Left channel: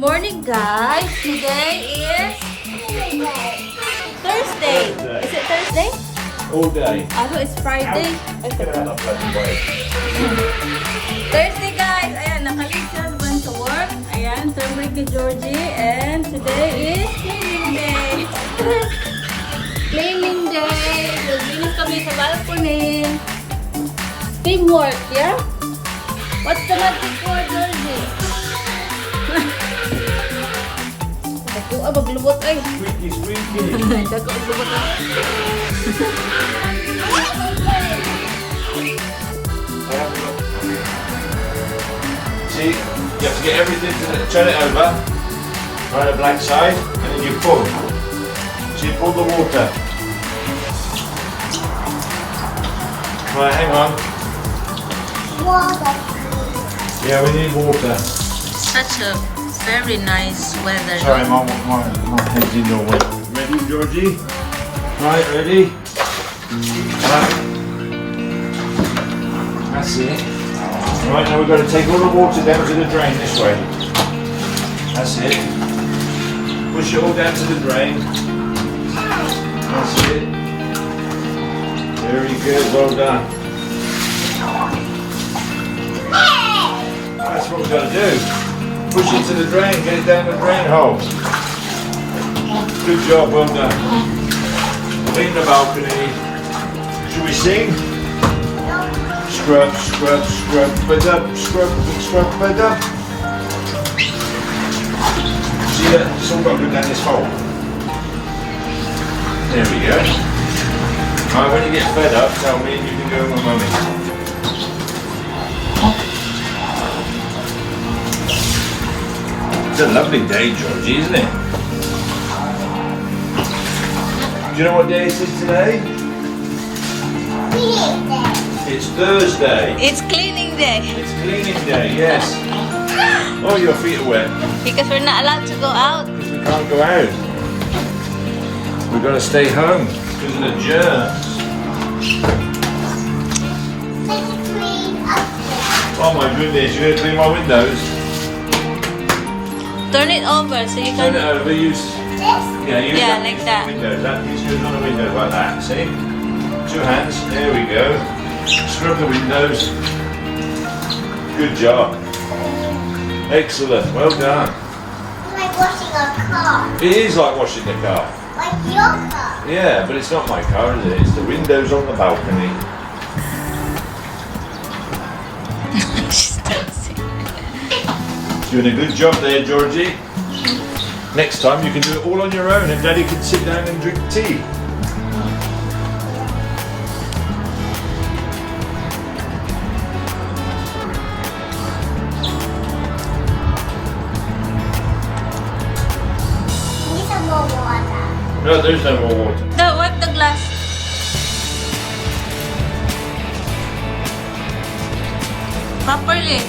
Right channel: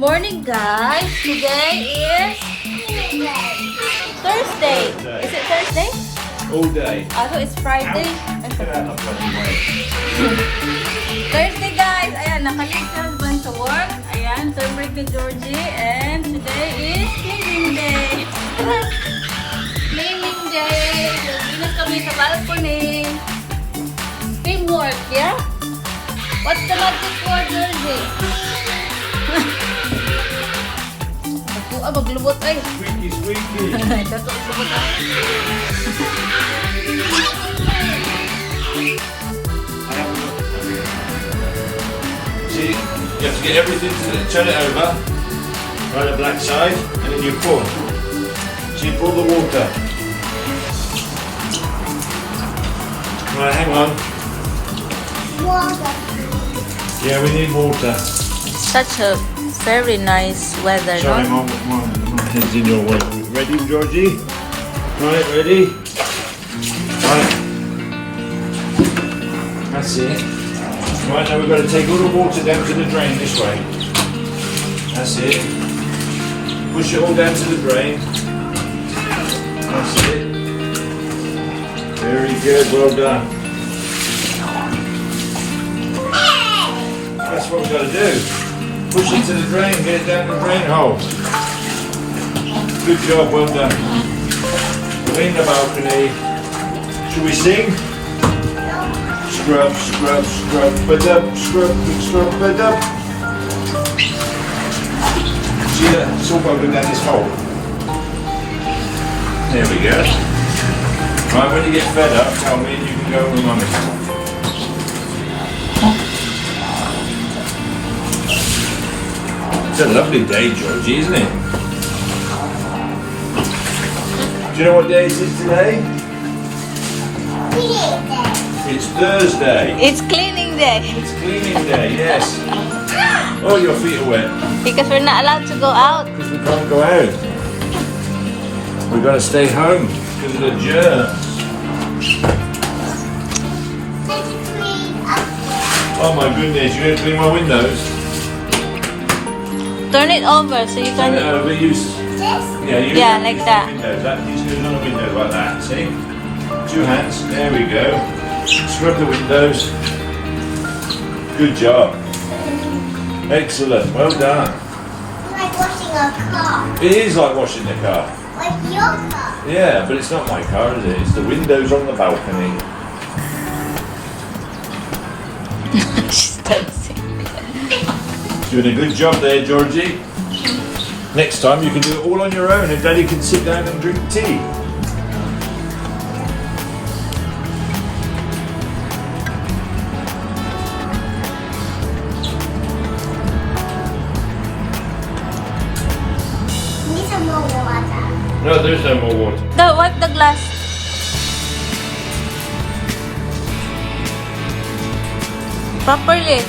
Morning, guys. Today is Thursday. Is it Thursday? All day. I thought it's Friday. Thursday, guys. Ayan, nakalig sa husband sa work. Ayan, celebrate with Georgie. And today is cleaning day. Cleaning day. Naglinis kami sa balcony. Teamwork, yeah? What's the magic word, Georgie? Maglubot ay. Squeaky. See, you have to get everything, turn it over, on the black side, and then you pull. So you pull the water. Right, hang on. Water. Yeah, we need water. Such a very nice weather. Sorry, no? my head's in your way. Ready, Georgie? Right, ready? Right. That's it. Right, now we've got to take all the water down to the drain this way. That's it. Push it all down to the drain. That's it. Very good, well done. That's what we've got to do. Push it to the drain, get it down the drain hole. Good job, well done. Clean the balcony. Should we sing? Scrub, scrub, scrub, bud up, scrub, big scrub, bud up. See that? It's all got to go down this hole. There we go. Right, when you get fed up, tell me and you can go with mummy. It's a lovely day, Georgie, isn't it? Do you know what day it is today? It's Thursday. It's cleaning day. It's cleaning day, yes. Oh, your feet are wet. Because we're not allowed to go out. Because we can't go out. We've got to stay home because of the germs. Oh my goodness, you're going to clean my windows? Turn it over so you Turn can... it over, use... Yeah, like that. Windows. That is using on a window like that, see? Two hands, there we go. Scrub the windows. Good job. Excellent, well done. Like washing a car. It is like washing the car. Like your car. Yeah, but it's not my car, is it? It's the windows on the balcony. She's dancing. Doing a good job there, Georgie. Next time you can do it all on your own and Daddy can sit down and drink tea. Need some more water. No, there's no more water. Wipe the glass. Properly.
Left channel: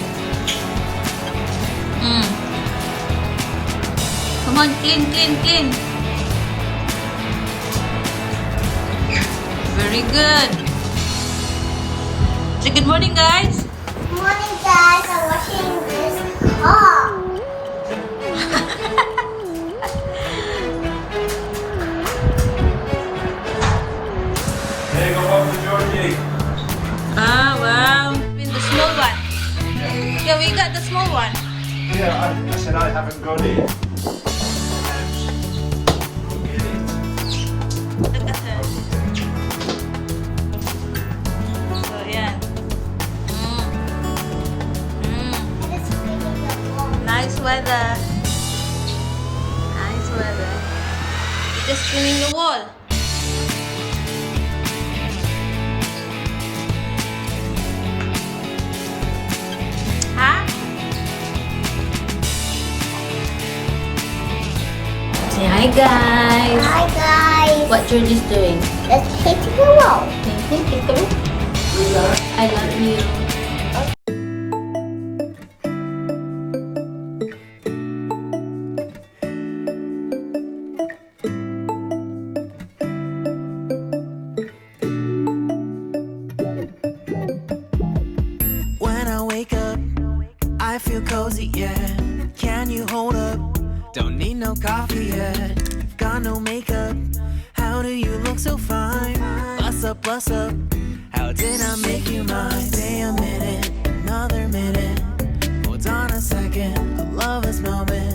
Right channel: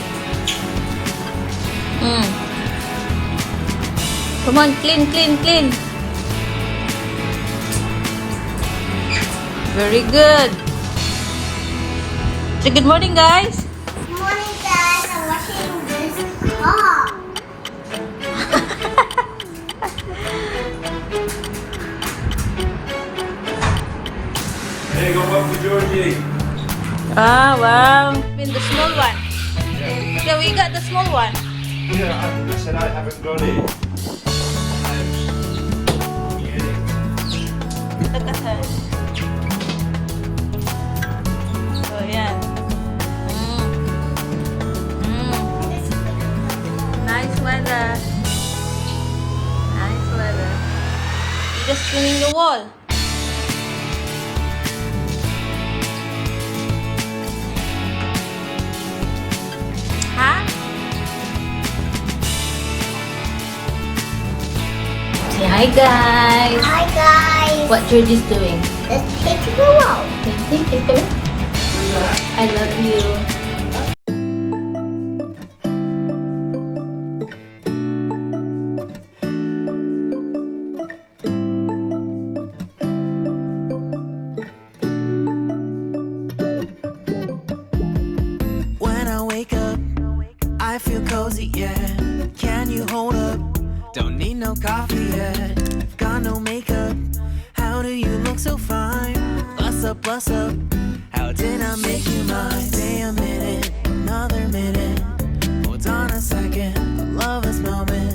Come on, clean, clean, clean. Very good. Say good morning, guys. Good morning, guys. I'm washing this car. There you go, one for Georgie. Ah, wow. In the small one. Yeah, we got the small one. Yeah, I said I haven't got it. Look at her. So, yeah. Nice weather. Nice weather. You're just cleaning the wall. Huh? Say hi, guys. Hi, guys. What Georgie's doing? Let's take to the wall. I love you. When I wake up, I feel cozy, yeah. Can you hold up? coffee yet. You've got no makeup. How do you look so fine? Bust up, bust up. How did I make you mine? Stay a minute, another minute. Hold on a second, I love this moment.